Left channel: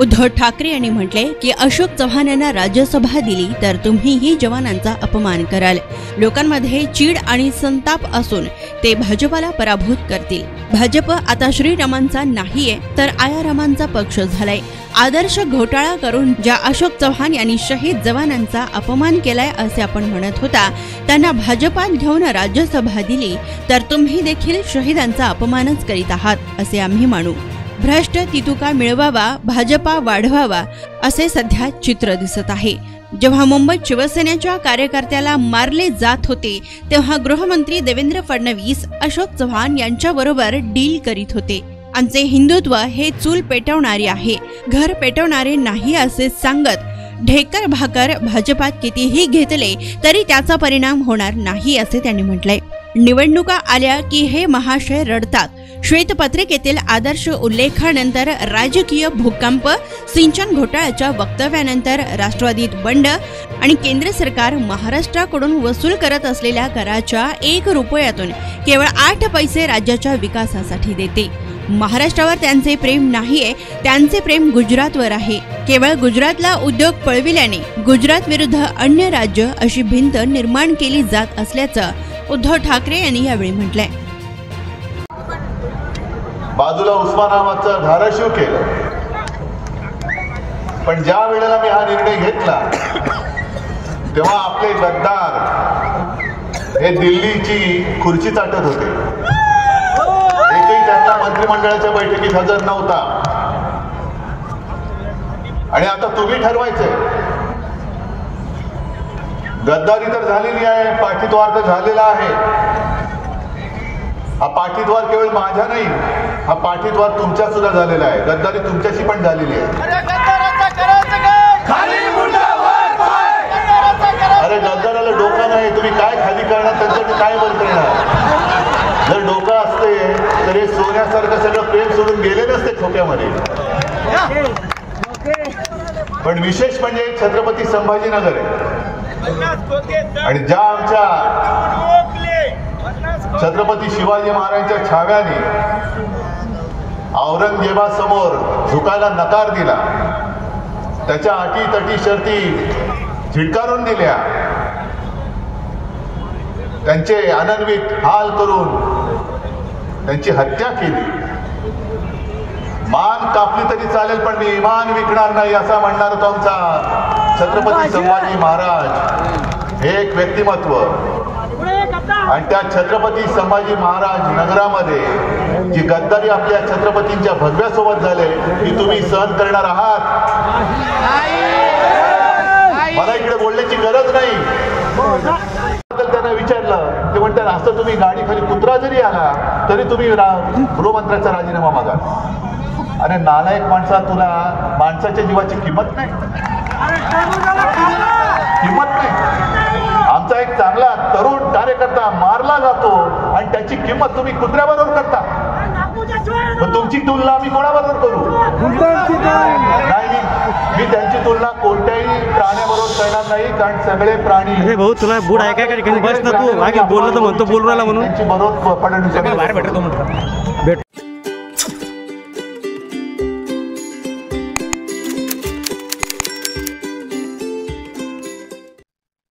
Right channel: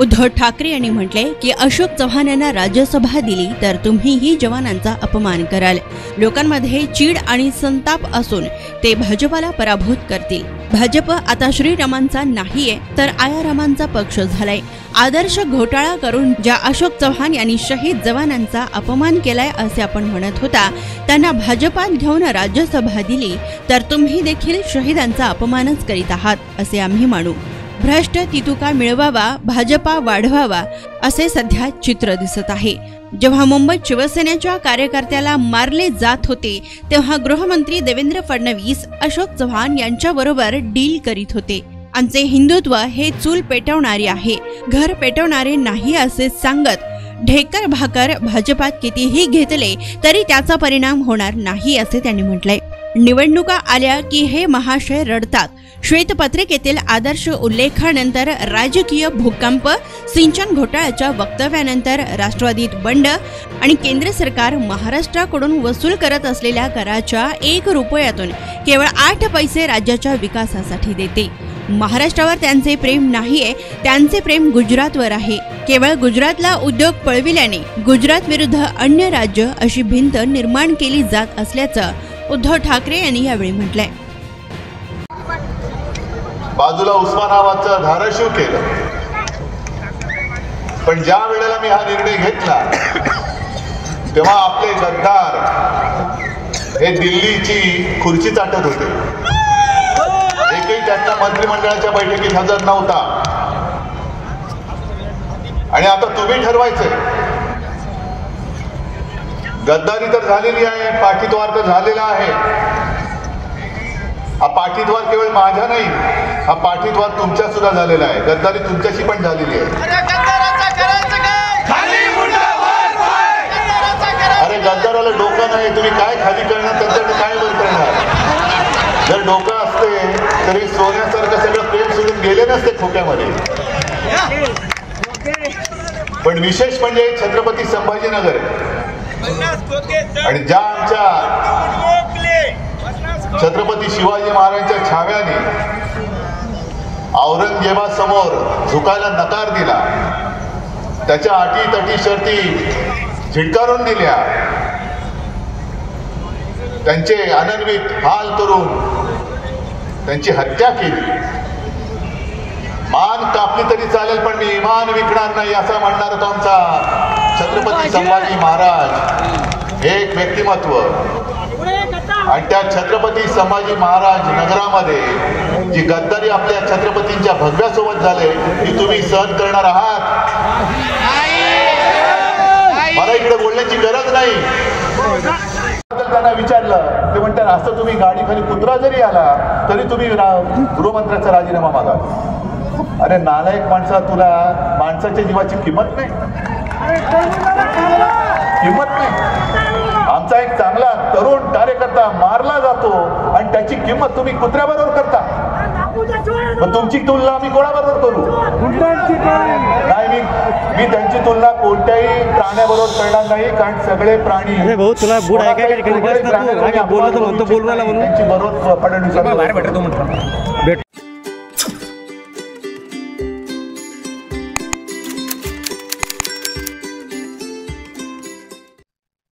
उद्धव ठाकरे यांनी म्हटले की अशोक चव्हाण यांना राज्यसभा दिली तर तुम्हीही जवानांचा अपमान कराल। लोकांमध्ये चीड आणि संताप असून ते भाजपाला पराभूत करतील। भाजप आता श्रीरामांचा नाहीये तर आयारामांचा पक्ष झालाय। आदर्श घोटाळा करून ज्या अशोक चव्हाण यांनी शहीद जवानांचा अपमान केलाय असे आपण म्हणत होता, त्यांना भाजपात घेऊन राज्यसभा दिली तर तुम्ही देखील शहीदांचा अपमानच करीत आहात असे आम्ही मानू। भ्रष्ट तितुका मिळवावा, भाजपा वाढवावा असे सध्या चित्र दिसत आहे। जेव्हा मुंबईत शिवसेनेच्या कार्यकर्त्याला मारले जात होते तेव्हा गृहमंत्री देवेंद्र फडणवीस अशोक चव्हाण यांच्याबरोबर डील करीत होते। आमचे हिंदुत्व हे चूल पेटवणारे आहे, घर पेटवणारे नाही असे सांगत ढेकर भाकर भाजपात कितीही घेतले तरी त्याचा परिणाम होणार नाही असे त्यांनी म्हटलंय। निवडणुका आल्या की हे महाशय रडतात। श्वेतपत्रिकेतील आदर्श उल्लेखानंतर राजकीय भूकंप, सिंचन घोटाळ्याच्या वक्तव्यानंतर राष्ट्रवादीत बंड आणि केंद्र सरकार महाराष्ट्राकडून वसूल करत असलेल्या कराच्या 1 रुपयातून केवळ 8 पैसे राज्याच्या विकासासाठी देते। महाराष्ट्रावर त्यांचे प्रेम नाहीये, त्यांचे प्रेम गुजरातवर आहे। केवळ गुजरातला उद्योग पळविल्याने गुजरात विरुद्ध अन्य राज्य अशी भिंत निर्माण केली जात असल्याचं उद्धव ठाकरे यांनी यावेळी म्हटलंय। बाजूला उस्मानाबादचं धाराशिव केलं, पण ज्या वेळेला मी हा निर्णय घेतला तेव्हा आपले गद्दार हे दिल्लीची खुर्ची चाटत होते। एकही त्यांना मंत्रिमंडळाच्या बैठकीत हजर नव्हता आणि आता तुम्ही ठरवायचंय। गद्दारी तर झालेली आहे, पाठीद्वार तर झालेला आहे। हा पाठीद्वार केवळ माझ्या नाही, हा पाठीद्वार तुमच्या सुद्धा झालेला आहे। गद्दारी तुमच्याशी पण झालेली आहे। अरे गद्दाराला डोकं नाही, तुम्ही काय खाली करणार, त्यांच्याकडे काय बंद करणार? जर डोकं असते तरी सोन्यासारखं सगळं प्रेम सोडून गेले नसते खोक्यामध्ये। पण विशेष म्हणजे छत्रपती संभाजीनगर आहे आणि ज्या आमच्या छत्रपती शिवाजी महाराजांच्या छाव्याने औरंगजेबासमोर झुकायला नकार दिला, त्याच्या अटी तटी शर्ती झिडकारून दिल्या, त्यांचे अनन्वित हाल करून त्यांची हत्या केली। मान कापली तरी चालेल पण मी इमान विकणार नाही असा म्हणणार तो आमचा छत्रपती संभाजी महाराज। हे एक व्यक्तिमत्व आणि त्या छत्रपती संभाजी महाराज नगरामध्ये जी गद्दारी आपल्या छत्रपतींच्या भगव्यासोबत झाले ती तुम्ही सहन करणार आहात? मला इकडे बोलण्याची गरज नाही। त्यांना विचारलं ते म्हणतात असं तुम्ही गाडी खाली कुत्रा जरी आला तरी तुम्ही गृहमंत्र्याचा राजीनामा मागा। अरे नालायक माणसा, तुला माणसाच्या जीवाची किंमत नाही, किंमत नाही। आमचा एक चांगला तरुण कार्यकर्ता मारला जातो आणि त्याची किंमत तुम्ही कुत्र्याबरोबर करता। मग तुमची तुलना आम्ही कोणाबरोबर करू? नाही, मी त्यांची तुलना कोणत्याही प्राण्याबरोबर करणार नाही, कारण सगळे प्राणी। अरे भाऊ तुला बुड आहे काय? बस ना तू, बोललं तर म्हणतो बोलू राहिला म्हणून। त्यांची बरोबर फडणवीस बाहेर भेटतो म्हटलं भेट